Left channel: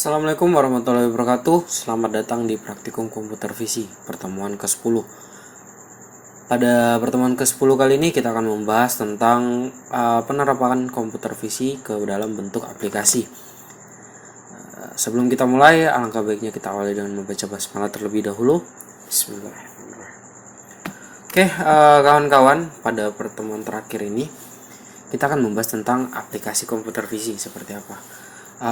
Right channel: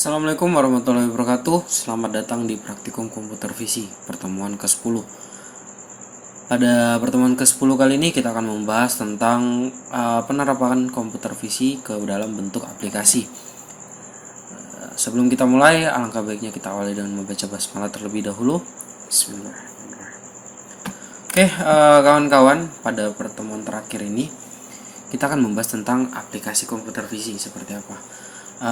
Assalamualaikum warahmatullahi wabarakatuh. Selamat datang di Praktikum Komputer Visi pertemuan ke-10. Pada pertemuan ke-10 kali ini kita akan membahas tentang penerapan komputer visi ke dalam bentuk aplikasi. Sebelum kita mulai, alangkah baiknya kita awali dengan membaca basmalah terlebih dahulu. Bismillahirrahmanirrahim. Oke, kawan-kawan, pada pertemuan terakhir ini kita akan membahas tentang aplikasi komputer visi seperti apa.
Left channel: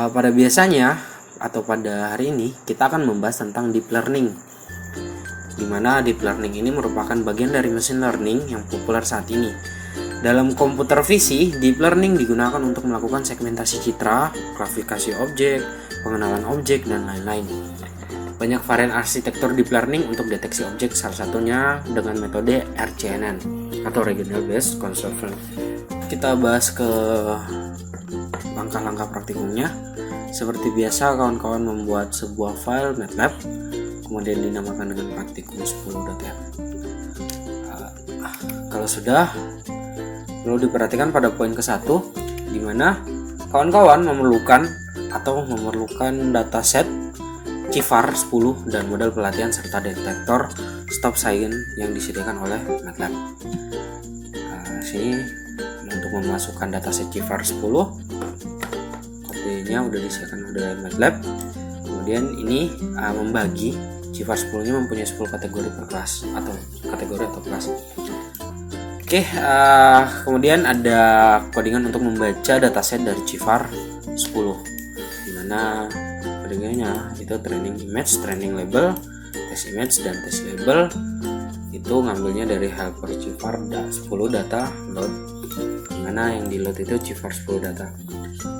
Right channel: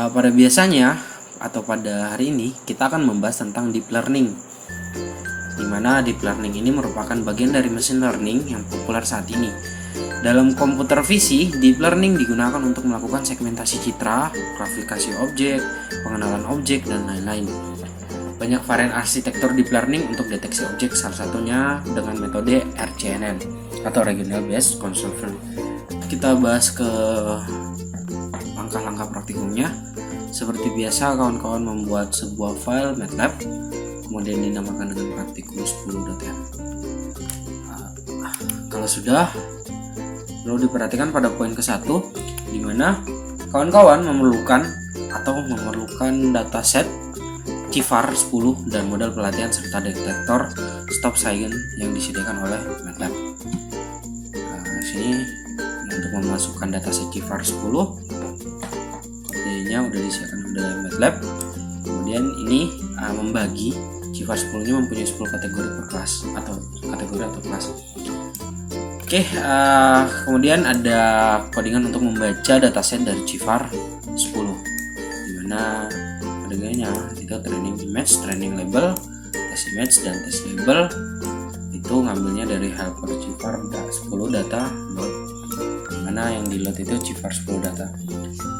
Pada biasanya atau pada hari ini kita akan membahas tentang deep learning, di mana deep learning ini merupakan bagian dari machine learning yang populer saat ini. Dalam komputer visi, deep learning digunakan untuk melakukan segmentasi citra, klasifikasi objek, pengenalan objek, dan lain-lain. Banyak varian arsitektur deep learning untuk deteksi objek, salah satunya dengan metode RCNN atau Regional Based Construction. Kita bahas ke langkah-langkah praktikumnya. Seperti biasa, kawan-kawan membuat sebuah file MATLAB, kemudian dinamakan dengan praktikum 10.m. Kalau sudah, perlu diperhatikan pada poin ke-1, di mana kawan-kawan memerlukan dataset CIFAR 10 dan model pelatihan serta detektor stop sign yang disediakan oleh MATLAB. Sini untuk memasukkan dataset CIFAR 10, kodenya udah disediakan oleh MATLAB. Kemudian ini membagi CIFAR 10 nya mempunyai 10 kategori per kelas atau kelas. Oke, kemudian ada codingan untuk membaca dataset dari CIFAR 10, dimana codingannya itu training image, training label, test image, dan test label. Itu ngambilnya dari helper CIFAR 10 data load, dimana yang di load itu CIFAR 10 data.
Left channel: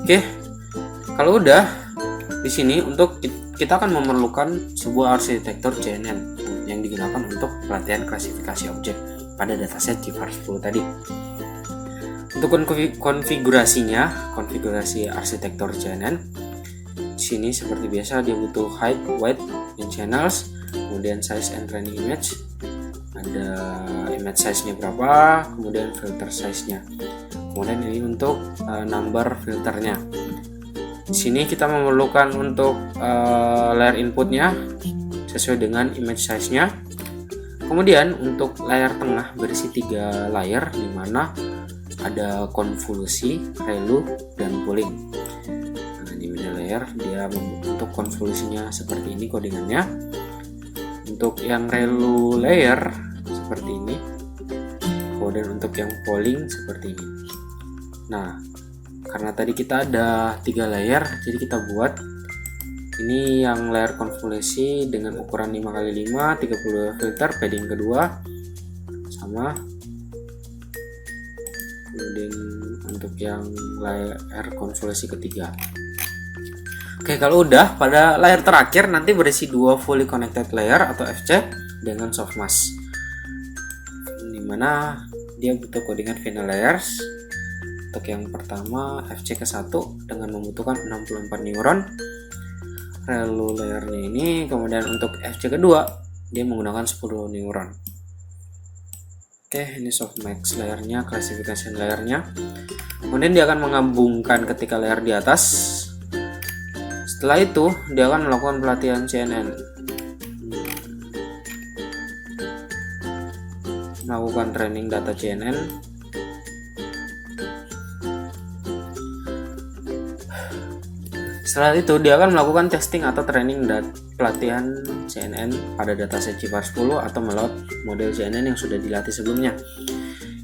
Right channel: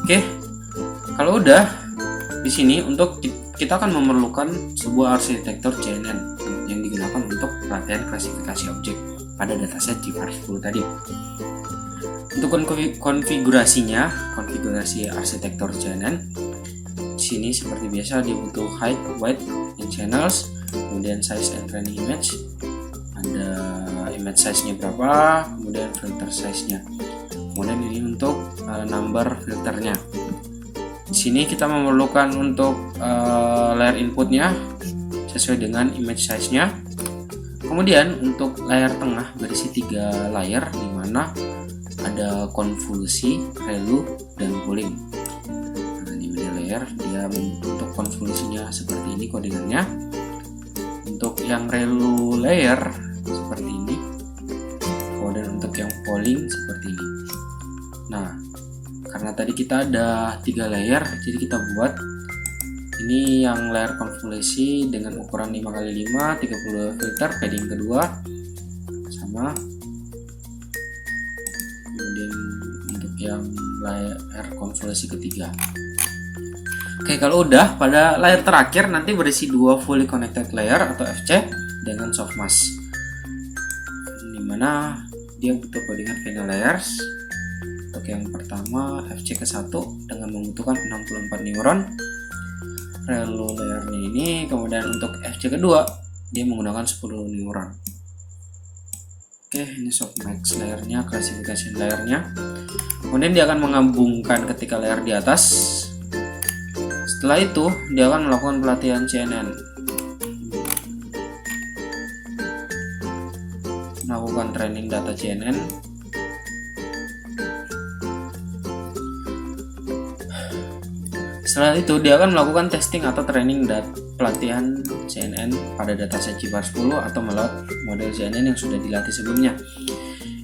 Oke, kalau udah di sini untuk kita akan memerlukan sebuah arsitektur CNN yang digunakan untuk pelatihan klasifikasi objek pada dataset CIFAR 10 tadi. Untuk konfigurasi arsitektur CNN, di sini seperti biasa dia butuh height, width, and channels, kemudian size and training image. Ada image size-nya berapa, kemudian filter size-nya. Kemudian ini untuk number filternya. Di sini kita memerlukan untuk layer inputnya sesuai dengan image size-nya. Kemudian untuk layer tengah berisi 3 layer, di mana ada konvolusi, ReLU, dan pooling. Nah, di middle layer dia membentuk konvolusinya seperti ini codingannya. Untuk yang ReLU layer seperti ini, kemudian untuk yang pooling seperti ini. Nah, karena tadi kita ada 3 layer, jadi kita buat ini yang layer konvolusi dengan ukuran 5x5, 30 filter, padding kedua sama. Kemudian untuk yang layer konvolusi ketiga. Oke, kalau udah, pada layer terakhir nanti berisi 2 fully connected layer atau FC dengan softmask, dimana dia butuh codingan final layers. Untuk yang pertama FC ke-1 dengan membutuhkan 64 neuron ReLU layernya ini, kemudian untuk FC kedua dia menggunakan 10 neuron. Oke, ini softmax layernya, klasifikasi layernya. Kemudian dia akan menggabungkan ketika layer di atas. Setelah itu dia akan melakukan pelatihan CNN, melakukan training data CNN. Setelah itu dia akan melakukan testing atau training pelatihan CNN pada dataset CIFAR 10 atau meload model CNN yang sudah dilatih sebelumnya.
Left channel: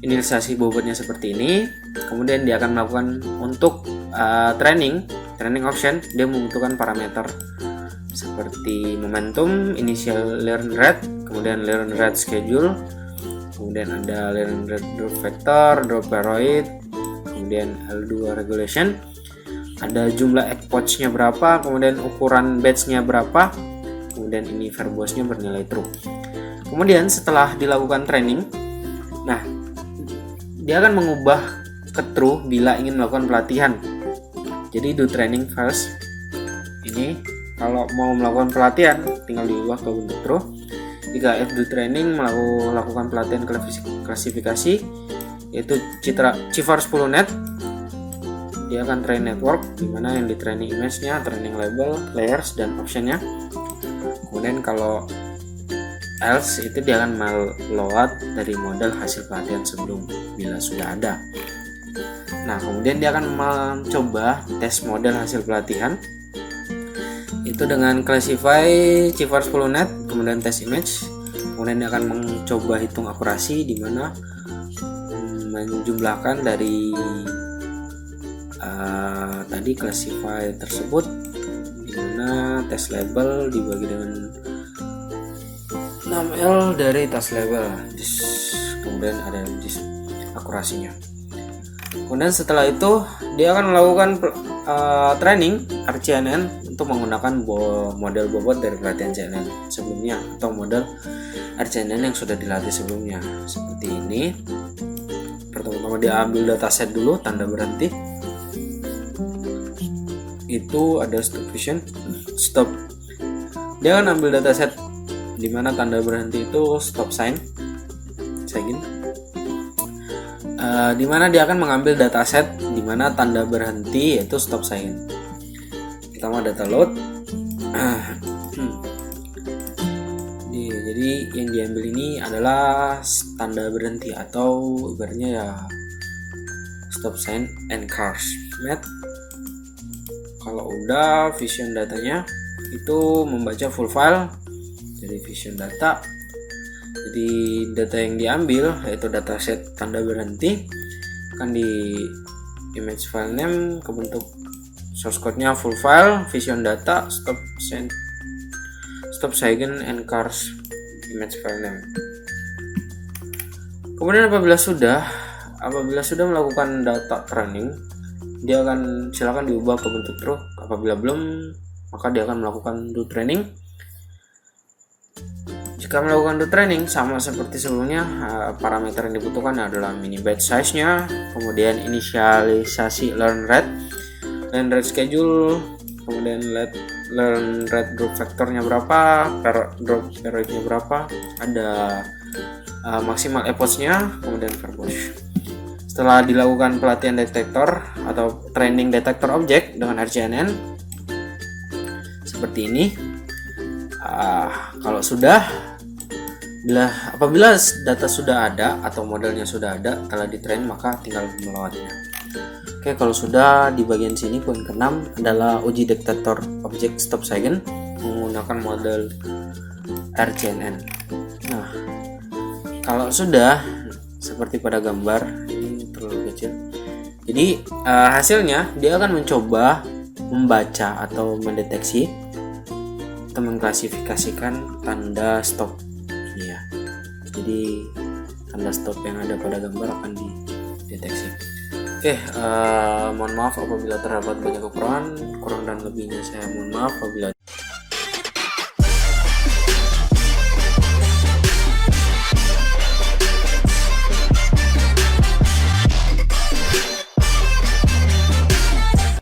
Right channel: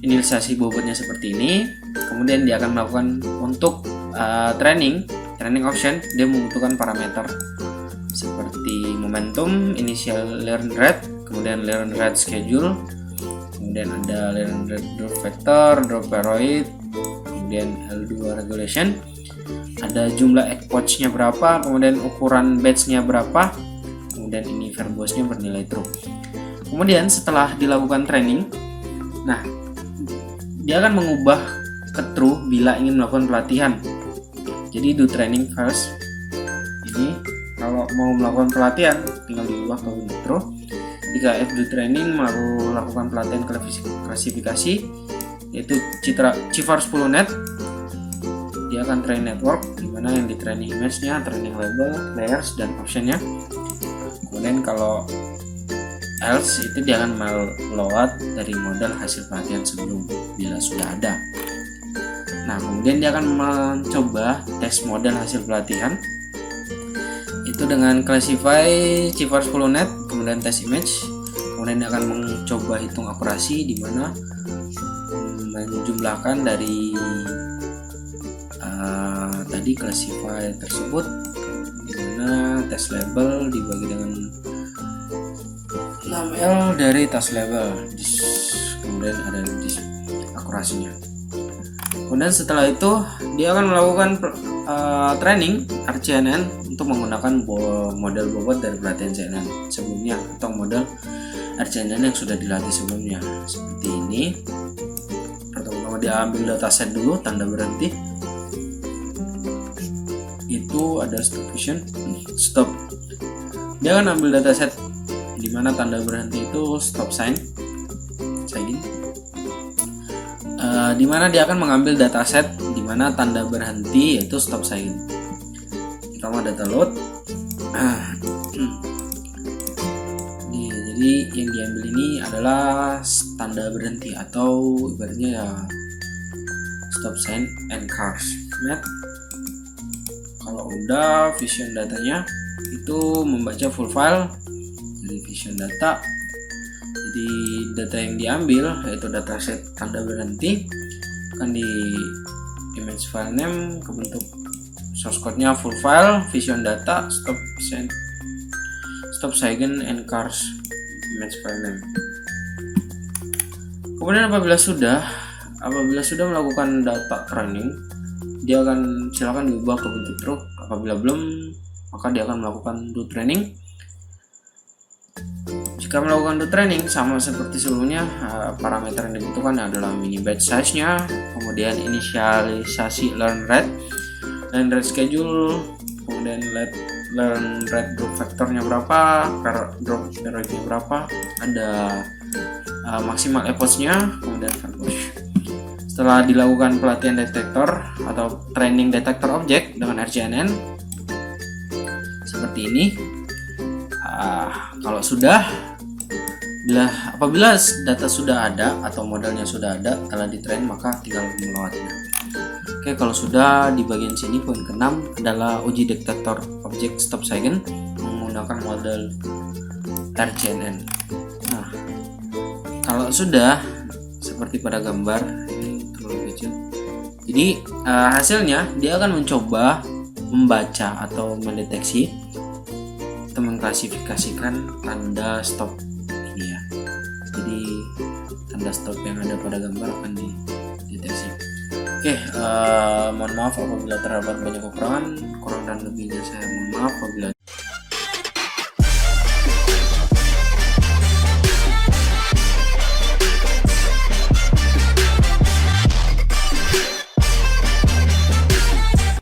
Inisialisasi bobotnya seperti ini. Kemudian dia akan melakukan untuk training option, dia membutuhkan parameter seperti momentum, initial learn rate, kemudian learn rate schedule, kemudian ada learn rate drop vector, drop paroid, kemudian L2 regulation, ada jumlah epoch-nya berapa, kemudian ukuran batch-nya berapa, kemudian ini verbose-nya bernilai true. Kemudian setelah dilakukan training, nah dia akan mengubah ke true bila ingin melakukan pelatihan. Jadi do training first. Ini kalau mau melakukan pelatihan tinggal diubah ke bentuk true. Jika F do training melakukan pelatihan klasifikasi, yaitu CIFAR 10 net. dia akan train network, dimana yang di training image-nya, training label, layers, dan option-nya. Kemudian kalau else itu dia akan meload dari model hasil pelatihan sebelum bila sudah ada. Nah, kemudian dia akan mencoba tes model hasil pelatihan itu dengan classify CIFAR 10net, kemudian tes image, kemudian dia akan mencoba hitung akurasi, di mana menjumlahkan dari tadi classify tersebut, di mana tes label dibagi dengan 6L dari tes label, kemudian ada akurasinya. Kemudian setelah itu dia akan melakukan training RCNN untuk menggunakan model bobot dari pelatihan CNN sebelumnya atau model RCNN yang sudah dilatih sebelumnya. Seperti ini. Pertama-tama dia ambil dataset dulu, tanda berhenti. Itu ada stop vision, stop. Dia akan ambil dataset di mana tanda berhenti itu stop sign, di mana dia akan mengambil dataset di mana tanda berhenti yaitu stop sign. Pertama data load. Jadi yang diambil ini adalah tanda berhenti atau ibaratnya ya stop sign and cars met. Kalau udah vision datanya itu membaca full file dari vision data. Jadi data yang diambil yaitu dataset tanda berhenti akan di image file name kebentuk source code-nya full file vision data stop sign and cars image file name. Kemudian apabila sudah melakukan data training, dia akan silakan diubah ke bentuk true. Apabila belum, maka dia akan melakukan do training. Jika melakukan do training sama seperti sebelumnya, parameter yang dibutuhkan adalah mini batch size-nya, kemudian inisialisasi learn rate schedule, kemudian learn rate group factornya berapa, drop periodnya berapa, ada maksimal efforts-nya, kemudian verbose. Setelah dilakukan pelatihan detektor atau training detektor objek dengan RCNN seperti ini, kalau apabila data sudah ada atau modelnya sudah ada telah ditrain, maka tinggal melewatnya. Oke, kalau sudah di bagian sini poin ke-6 adalah uji detektor objek stop sign menggunakan model RCNN. Nah, kalau sudah seperti pada gambar ini terlalu kecil. Jadi hasilnya dia akan mencoba membaca atau mendeteksi atau mengklasifikasikan tanda stop ini ya. Jadi tanda stop yang ada pada gambar akan dideteksi. Oke, mohon maaf apabila terdapat banyak kekurangan, kurang dan lebihnya saya mohon maaf apabila